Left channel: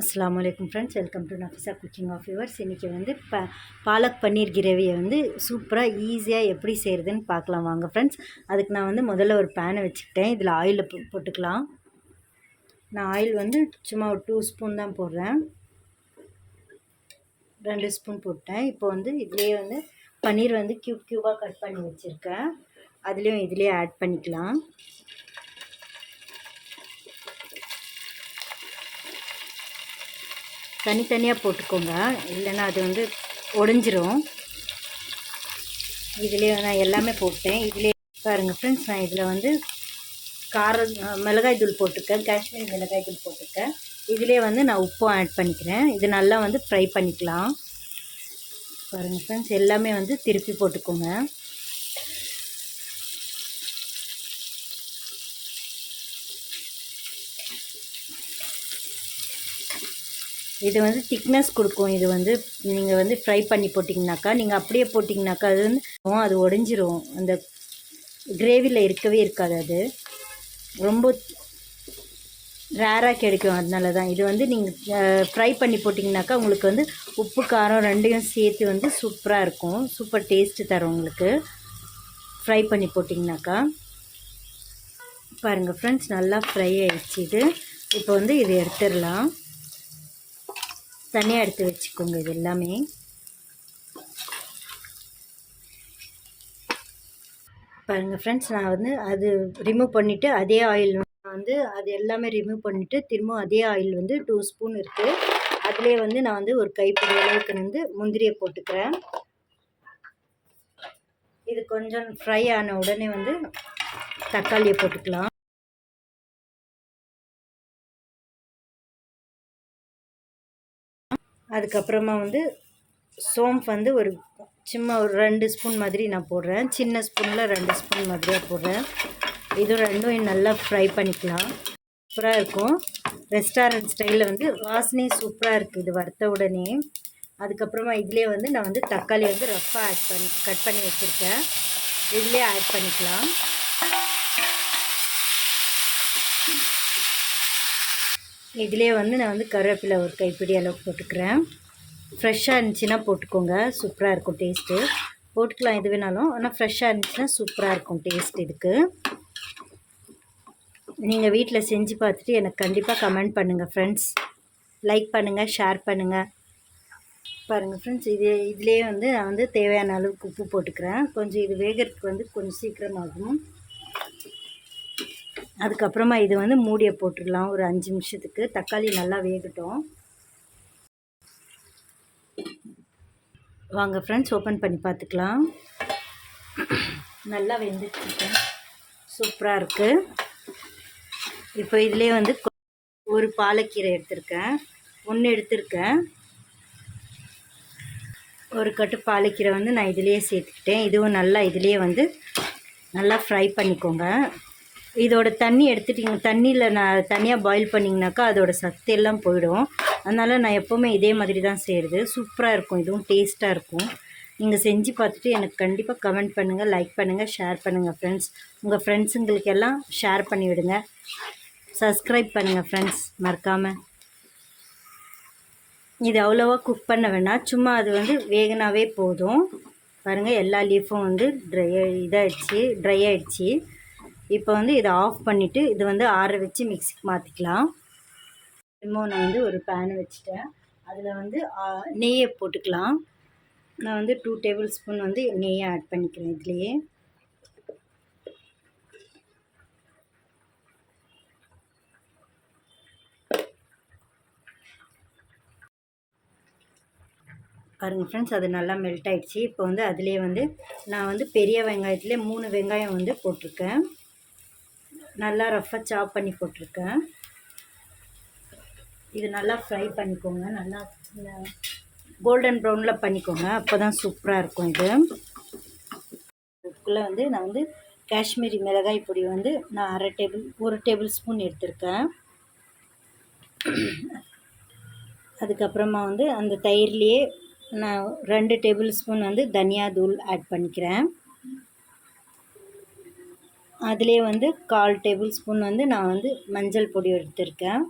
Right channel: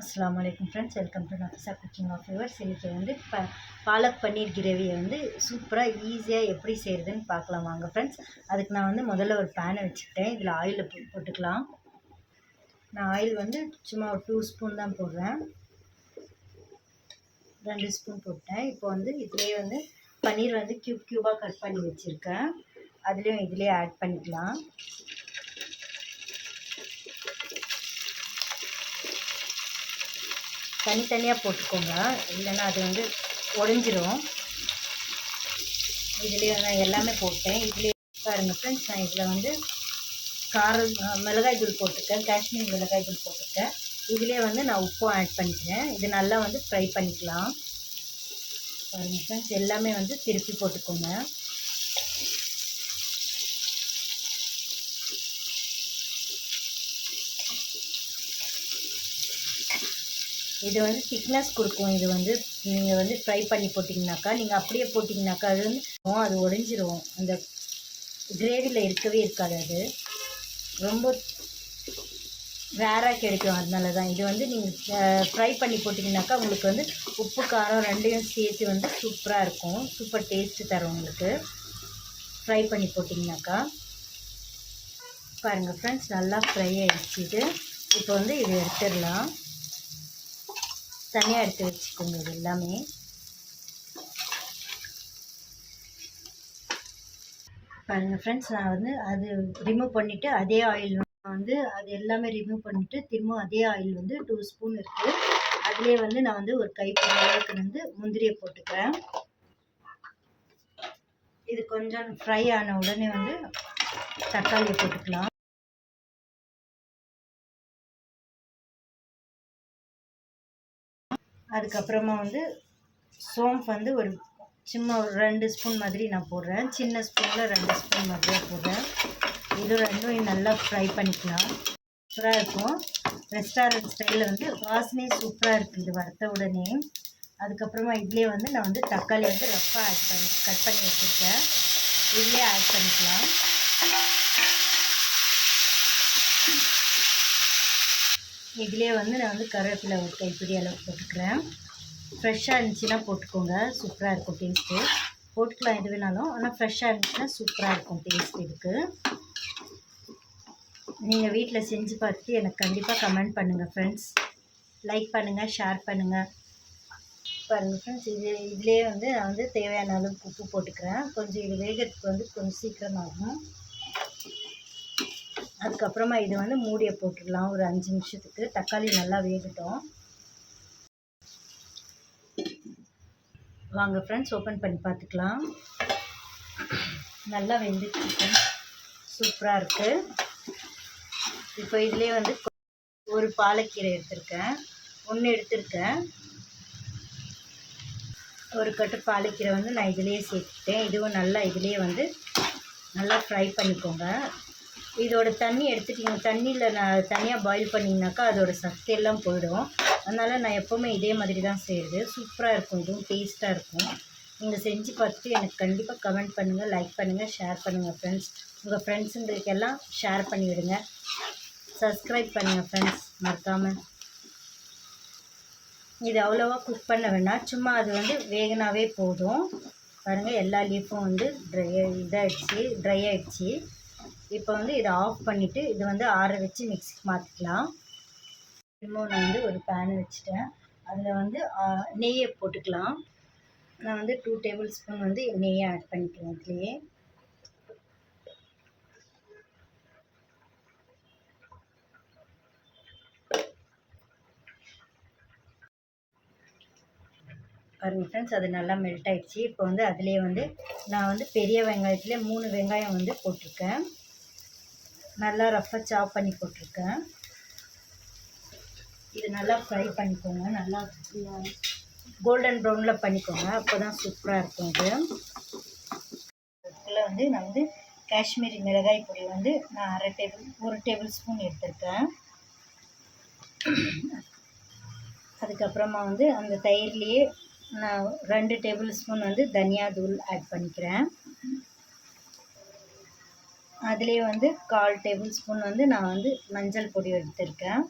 அஸ்ஸலாமு அலைக்கும் friends, welcome to Nafisa cooking of yours. இன்றைக்கி வந்து பாலக் பன்னீர் கிரேவியை வந்து சூப்பராக ஈஸியாக எப்படி செய்கிறதுன்னு பார்க்கலாம் வாங்க ஃப்ரெண்ட்ஸ். அதுக்கு நான் வந்து முதல்ல ஒரு பேனை வச்சுக்கிட்டேன். இதில் ஆயிலை போட்டுக்கலாம். நான் ஆயில் வந்து சும்மா ஒரு 2 ஸ்பூன் தான் போடுறேன். 2 ஸ்பூன் போட்டேன். இப்போ வந்து இதிலே வந்து பன்னீர் வந்து க்யூபாக கட் பண்ணி வச்சுருக்கேன். அதுலேயும் இதிலே ஆட் பண்ணிக்கலாம். தனித்தனியாக போட்டுக்கோங்க, இல்லைன்னா அது வந்து உடஞ்சிரும். இதிலே நான் எல்லாமே போட்டேன். இதிலே பாருங்கள் ஃப்ரெண்ட்ஸ், நான் இதில் வந்து மிளகாய் தூள் போட்டிருக்கேன், காஷ்மீரி மிளகாய் தூள் போட்டிருக்கேன். இதிலே வந்து நான் உப்பும் ஆட் பண்ணிக்கிறேன். இது நல்லா வந்து ஃப்ரை பண்ணிக்கலாம். பாருங்கள் ஃப்ரெண்ட்ஸ், எல்லாமே வந்து திருப்பி போட்டுக்கோங்க. இது வந்து திக்னஸ் கொடுக்கும். இது வந்து நீங்கள் வந்து ஃப்ரை பண்ணி போட்டிங்கனாக்கா, நீங்கள் அப்படியே போட்டிங்கனாக்கா அது வந்து அது உடஞ்சிரும். அந்த கிரேவியில் இருக்கவே இருக்காது. அது ரொம்ப ரேராக கிடைக்கும். அதனால தான் இது வந்து நீங்கள் ஃப்ரை பண்ணி போட்டிங்கனாக்கா உங்களுக்கு வந்து உப்பு காரம் ரெண்டையும் சேர்த்து வந்து சூப்பராக இருக்கும். சூப்பர் டேஸ்ட்டு தரும் உங்களுக்கு ஃப்ரை பண்ணி போட்டிங்கனாக்கா. பாருங்கள் ஃப்ரெண்ட்ஸ், நல்லா ஃப்ரை ஆகிடுச்சு. இது இப்போ வந்து இதை எடுத்துடலாம். தனியாக எடுத்து வச்சுக்கோங்க. இது எல்லாமே பாருங்கள் ஃப்ரெண்ட்ஸ், நான் வந்து அது ரிமூவ் பண்ணிவிட்டு அதே ஆயில் வந்து அது எல்லாமே ரிமூவ் பண்ணிவிட்டு திரும்ப அதே ஆயில் வந்து 2 ஸ்பூன் இருக்குது. அதிலே வந்து நான் வந்து ஒரு கைப்பிடி அளவுக்கு வந்து முந்திரியை போட்டுக்கிறேன். இது கொஞ்சம் ஃப்ரை ஆன உடனே வந்து தக்காளியை போட்டுக்கலாம். அதுக்கப்புறமா வந்து சோம்பு வந்து ஒரு சும்மா ஒரு 2 ஸ்பூன் மாதிரி நான் போடுறேன். சின்ன ஸ்பூனில் 2 ஸ்பூன் மாதிரியாக போடுறேன். இது ரெண்டும் நல்லா ஃப்ரை பண்ணிக்கலாம். சூப்பராக இருக்கும். ரெஸ்டாரண்ட் ஸ்டைலில் வந்து வாசனை சூப்பராக இருக்குது இது வறுத்த உடனே. அதுக்கப்புறமா இதிலே வந்து நான் வந்து தக்காளி வந்து ரஃப்பாக கட் பண்ணி வச்சுருக்கேன். இதிலே ஆட் பண்ணிக்கலாம். இதிலே வந்து நான் வந்து கருவேப்பிலை ஒரு கைப்பிடி அளவுக்கு போட்டுக்கிறேன். ஃப்ரெஷ்ஷாக இருந்துச்சுன்னா போட்டுக்கோங்க, சூப்பராக இருக்கும் டேஸ்ட்டு. போட்டுக்கலாம் எது வேணாலும், ஆனால் ஃப்ரெஷ்ஷாக இருந்துச்சுன்னா சூப்பராக இருக்கும் டேஸ்ட். இதுக்கு நீங்கள் வீட்டில் செஞ்சு பார்த்துட்டு எனக்கு கண்டிப்பாக கமெண்ட் பண்ணுங்கள் ஃப்ரெண்ட்ஸ். லைக் பண்ணுங்கள், ஷேர் பண்ணுங்கள். பாருங்கள் ஃப்ரெண்ட்ஸ், இதிலே வந்து நான் வந்து தேவையான அளவுக்கு உப்பு போட்டுக்கிறேன். கொஞ்சம் இது வேகிறதுக்கு வந்து கொஞ்சம் சீக்கிரமாகும். அதுக்கப்புறமா இது வந்து மூடியை போட்டுடலாம் ஒரு 5 நிமிஷத்துக்கு. தக்காளி நல்லா வேகட்டும். வாங்க ஃப்ரெண்ட்ஸ், ஓப்பன் பண்ணி பார்த்துக்கலாம். நல்லா வெந்துட்டு சூப்பராக இருக்குது. இப்போ இதிலே வந்து ஒரு பாலக்கீரை எடுத்திருக்கேன், 1 எடுத்திருக்கேன். ஒரு கட்டு பாலக்கீரை வந்து நான் இதிலேயே சேர்த்துக்கிட்டேன். இதுவும் நல்லா இதிலேயே வந்து நல்லா ஃப்ரை பண்ணிக்கோங்க. இதோட தண்ணி எடுத்துட்டிங்க, தண்ணியில் நான் தனியாக பாயில் பண்ணிங்கனாக்கா அதோட சத்து எல்லாம் போயிடும். அதனால் நான் எப்போவுமே இதே மாதிரி தான் செய்கிறது. சூப்பராக இருக்கும், இதுவும் டேஸ்ட்டாக இருக்கும். நீங்கள் செஞ்சு பார்த்துட்டு எனக்கு கண்டிப்பாக கமெண்ட் பண்ணுங்கள், லைக் பண்ணுங்கள், ஷேர் பண்ணுங்கள் ஃப்ரெண்ட்ஸ். உங்கள் ஃப்ரெண்ட்ஸுங்களுக்கெல்லாம் ஷேர் பண்ணிவிடுங்க. சப்ஸ்கிரைப் பண்ணுங்கள் ஃப்ரெண்ட்ஸ் மறக்காமல். இது அவ்வளோவா குக் பண்ண வேணாம், சும்மா அது வந்து வேகனாவே போதும். பாருங்கள், எல்லா லீஃபும் வந்து ட்ரை ஆகிடுச்சு. இப்போ வந்து இதை ஆஃப் பண்ணிவிட்டு இது வந்து ஆற வச்சு மிக்ஸிக்கு மாற்றிக்கலாம். திரும்ப நான் வந்து ஒரு பேன் வச்சுட்டேன். அதில் வந்து நெய்யை போட்டுக்கலாம். நான் வந்து 2 டேபிள் ஸ்பூன் வந்து நெய்யை ஆட் பண்ணிக்கிறேன். இதுலேயே பாருங்கள் ஃப்ரெண்ட்ஸ், அது நல்லா மெல்ட் ஆகிடுச்சு. இப்போ வந்து அதிலே வந்து நான் வந்து பெரிய வெங்காயத்துலேயே 3 வெங்காயம் வந்து போட்டிருக்கேன். நல்லா ரஃப்பாக சாப் பண்ணி போட்டிருக்கேன். இது நல்லா ஃப்ரை பண்ணிக்கோங்க, நல்லா கோல்டன் ப்ரௌனில் பண்ணிக்கோங்க, அப்போ தான் சூப்பராக இருக்கும். இது இதுக்குள்ளே வந்து நான் வந்து காஷ்மீரி மிளகாய் பொடி வந்து நான் 1 டேபிள் ஸ்பூன் எடுத்திருக்கேன். அதுக்கப்புறமா வந்து அந்த தயிர்லேயே நான் 2 டேபிள் ஸ்பூன் வந்து தனியா தூள் ஆட் பண்ணிக்கிறேன். அதிலே வந்து 1/4 டேபிள் ஸ்பூன் வந்து நான் வந்து மஞ்சள் பொடி எடுத்திருக்கேன்.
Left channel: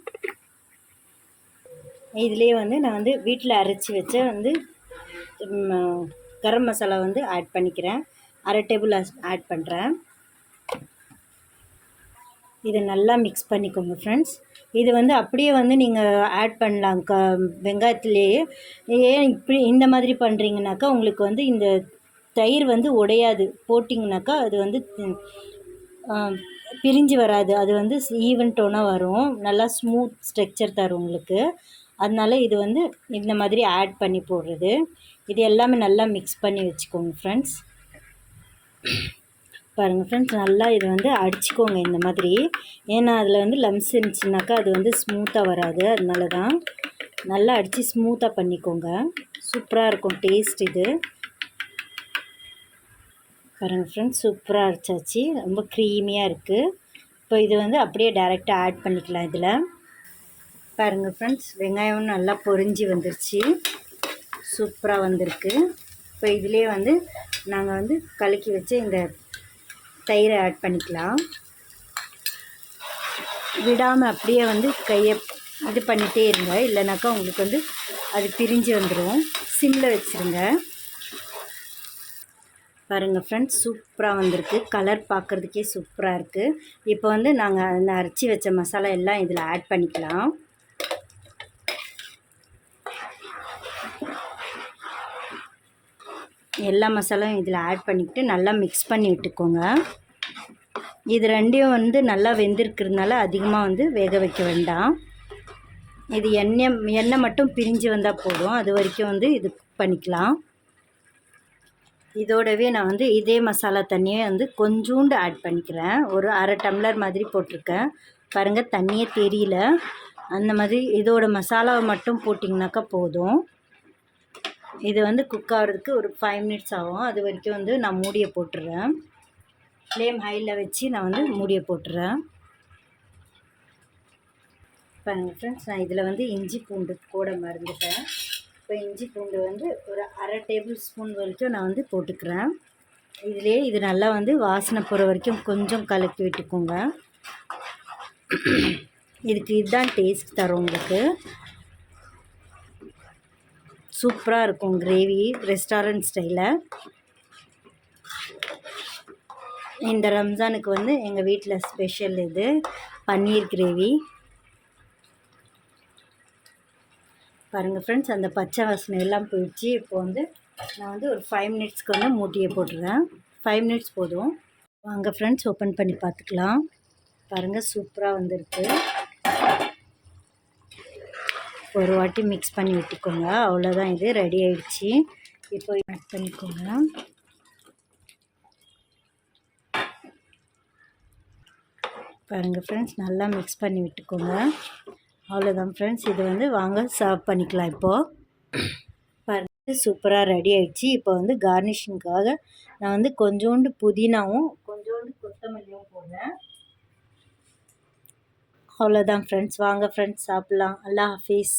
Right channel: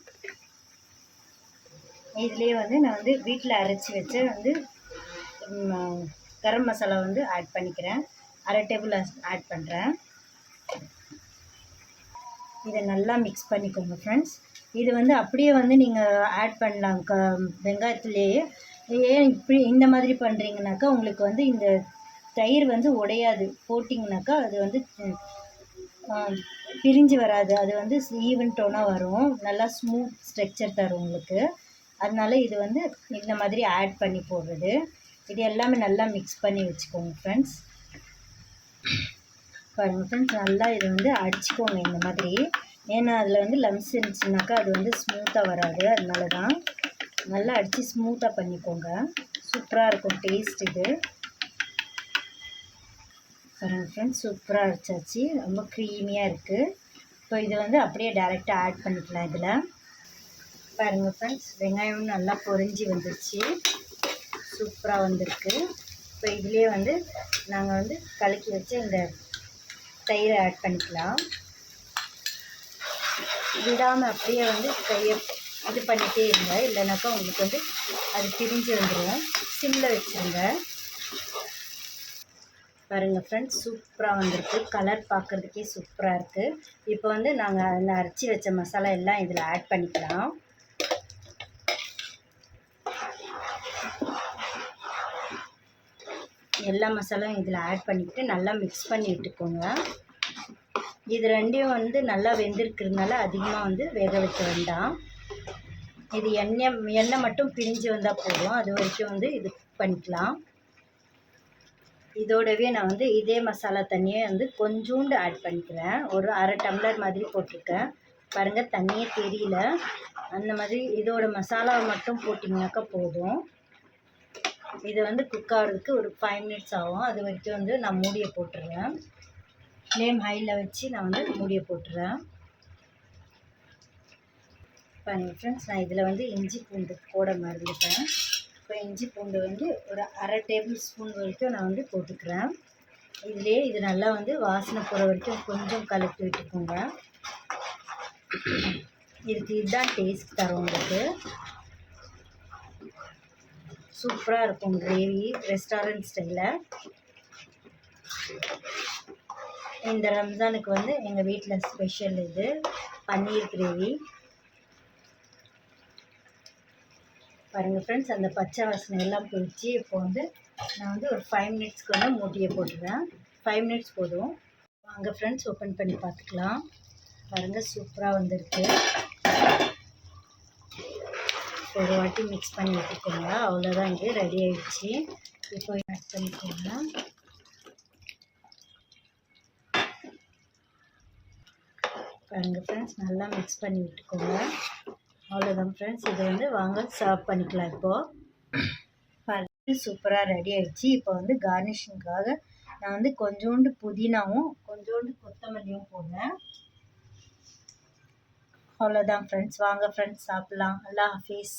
இதுலேயே வந்து நான் வந்து வீட்டில் அரைச்சி வச்ச வந்து கரம் மசாலா வந்து ஆட் பண்ணிக்கிறேன். 1/2 டேபிள் ஆட் பண்ணுறேன். இதை நல்லா மிக்ஸ் பண்ணிக்கோங்க ஃப்ரெண்ட்ஸ். இது வந்து அப்படியே வந்து நீங்கள் ஆட் பண்ணலாம் வெங்காயத்துலேயே. ஏன் இப்படி இந்த மாதிரி பண்ணுறீங்கனாக்கா உங்களுக்கு வந்து இந்த தயிர் வந்து உடையாது. போட்டிங்கனாக்கா அது வந்து பிரிஞ்சு வராது. அது வந்து ஈவன் டோனாக வரும். நல்லா ஸ்மூத் ஸ்ட்ரக்சர் தரும் உங்களுக்கு. அதனால இது வந்து இந்த மாதிரி ஆட் பண்ணி போடுறது. இது எல்லாமே நல்லா மிக்ஸ் பண்ணி வச்சுக்கோங்க ஃப்ரெண்ட்ஸ். பாருங்கள் ஃப்ரெண்ட்ஸ், நல்லா இதை வந்து அடிச்சுக்கோங்க இந்த மாதிரி. ஏன்னா அதில் வந்து லம்ஸ் இருந்துச்சுனாக்கா அது வந்து ஸ்மூத்தாக வராது. அதனால தான் நல்லா அடித்து ஸ்மூத்தாக பண்ணிக்கோங்க. சூப்பராக இருக்கும் டேஸ்ட் இது. பாருங்கள் ஃப்ரெண்ட்ஸ், சூப்பராக அரைச்சாச்சு. ரொம்ப க்ரீமியாக இருக்குது. இப்போ இது வந்து அப்படியே டைரெக்டாக ஆட் பண்ணிக்கலாம் இதில். பாருங்கள் ஃப்ரெண்ட்ஸ், வெங்காயம் நல்லா பொரிஞ்சு வந்துருச்சு. சூப்பராக வந்திருக்கு. இப்போ இதிலே வந்து நாங்கள் வந்து கலக்கி வச்சு இந்த தயிரை ஆட் பண்ணிக்கலாம். விடாமல் அப்படியே வந்து கையை இது பண்ணிகிட்டே இருங்க. இல்லைனாக்கா உங்களுக்கு வந்து அது பிரிஞ்சு வந்துடும். சிம்மில் வச்சுருங்க. பாருங்கள் ஃப்ரெண்ட்ஸ், சூப்பராக வந்திருக்கு. கலர் பார்க்குறதுக்கே சூப்பராக இருக்குது. இப்போ வந்து நாங்கள் அந்த அரைச்சி வச்ச மசாலா எல்லாம் இதில் ஆட் பண்ணிக்கலாம். எல்லா மசாலாவும் இதில் ஆட் பண்ணிக்கிட்டு நல்லா மிக்ஸ் பண்ணி விட்டுக்கோங்க. இது ரெண்டையும் வந்து நல்லா வெந்திருக்கிறதுனால அதிகமாக வந்து வேக வைக்க வேண்டாம். இது எண்ணெய் மட்டும் பிரிஞ்சு வந்தால் போதும். அது வரைக்கும் வந்து இது பண்ணிக்கலாம். இதோடவே நான் வந்து இதே மசாலா தண்ணியை வந்து கொஞ்சோண்டு ஆட் பண்ணிக்கிறேன். ஒரு 1/2 டம்ளர் மாதிரி போட்டிருக்கேன். பாருங்கள், தண்ணியே தெரியல. அந்த மாதிரி இதோட மசாலாவை மட்டும் போட்டிங்கனாக்கா போதும். இது வந்து குக் ஆகிறதுக்கு ஒரு 5 மினிட்ஸ் ஆகும். அது வரைக்கும் வந்து நான் மூடியை போட்டுடுறேன். ஃப்ளேம் ஹையில் வச்சு நான் வந்து மூடியை போட்டுறேன். பாருங்கள் ஃப்ரெண்ட்ஸ், நான் இதில் வந்து இஞ்சி பூண்டு போட மறந்துட்டேன். இப்போ இஞ்சி பூண்டு வந்து ஒரு 1/2 டேபிள் ஸ்பூன் வரைக்கும் நான் வந்து போட்டுக்கிறேன். இதிலே இது நல்லா வந்து வாசனை போகிற வரைக்கும் கொஞ்சம் கலக்கி விட்டுக்கோங்க. இதுக்கு இதுதான் டேஸ்ட் தரும் உங்களுக்கு. சூப்பராக இருக்கும் கிரேவி, ரெஸ்டாரண்ட் ஸ்டைலில். இந்த ரம்ஜானுக்கு வந்து எங்கள் வீட்டில் ஸ்பெஷல் இது பன்னீர் கிரேவி. பாருங்கள் ஃப்ரெண்ட்ஸ், அந்த பச்சை வாசனை எல்லாம் போயிடுச்சு. இப்போ வந்து நான் வந்து ஒரு 5 மினிட்ஸ்க்கு வந்து மூட்டியை போட்டுருவேன். 5 மினிட்ஸ் போதும். வாங்க ஃப்ரெண்ட்ஸ், ஓப்பன் பண்ணி பார்த்துக்கலாம். பாருங்கள், சூப்பராக வந்திருக்கு. ஒரு வாட்டி மிக்ஸ் பண்ணி விட்டுக்கோங்க. அவ்வளோதான், இது ரெடி ஆகிடுச்சு. இப்போ ஆட் பண்ணிக்கோங்க. பாருங்கள் ஃப்ரெண்ட்ஸ், நல்லா மிக்ஸ் பண்ணி விட்டுக்கோங்க. அவ்வளோதான் ஃப்ரெண்ட்ஸ், இது வந்து வாங்க சர்வ் பண்ணிக்கலாம். இப்போது பாருங்கள், சூப்பராக ரெடி ஆகிடுச்சு. இப்போ வந்து கார்னிஷிங்காக நான் வந்து கொஞ்சோண்டு புதினாவும் கொஞ்சோண்டு கொத்தமல்லியும் போடுறேன். அவ்வளோதான் ஃப்ரெண்ட்ஸ், வாங்க ஃப்ரெண்ட்ஸ் சாப்பிட்லாம். அல்லாஹ் ஹாஃபிஸ்.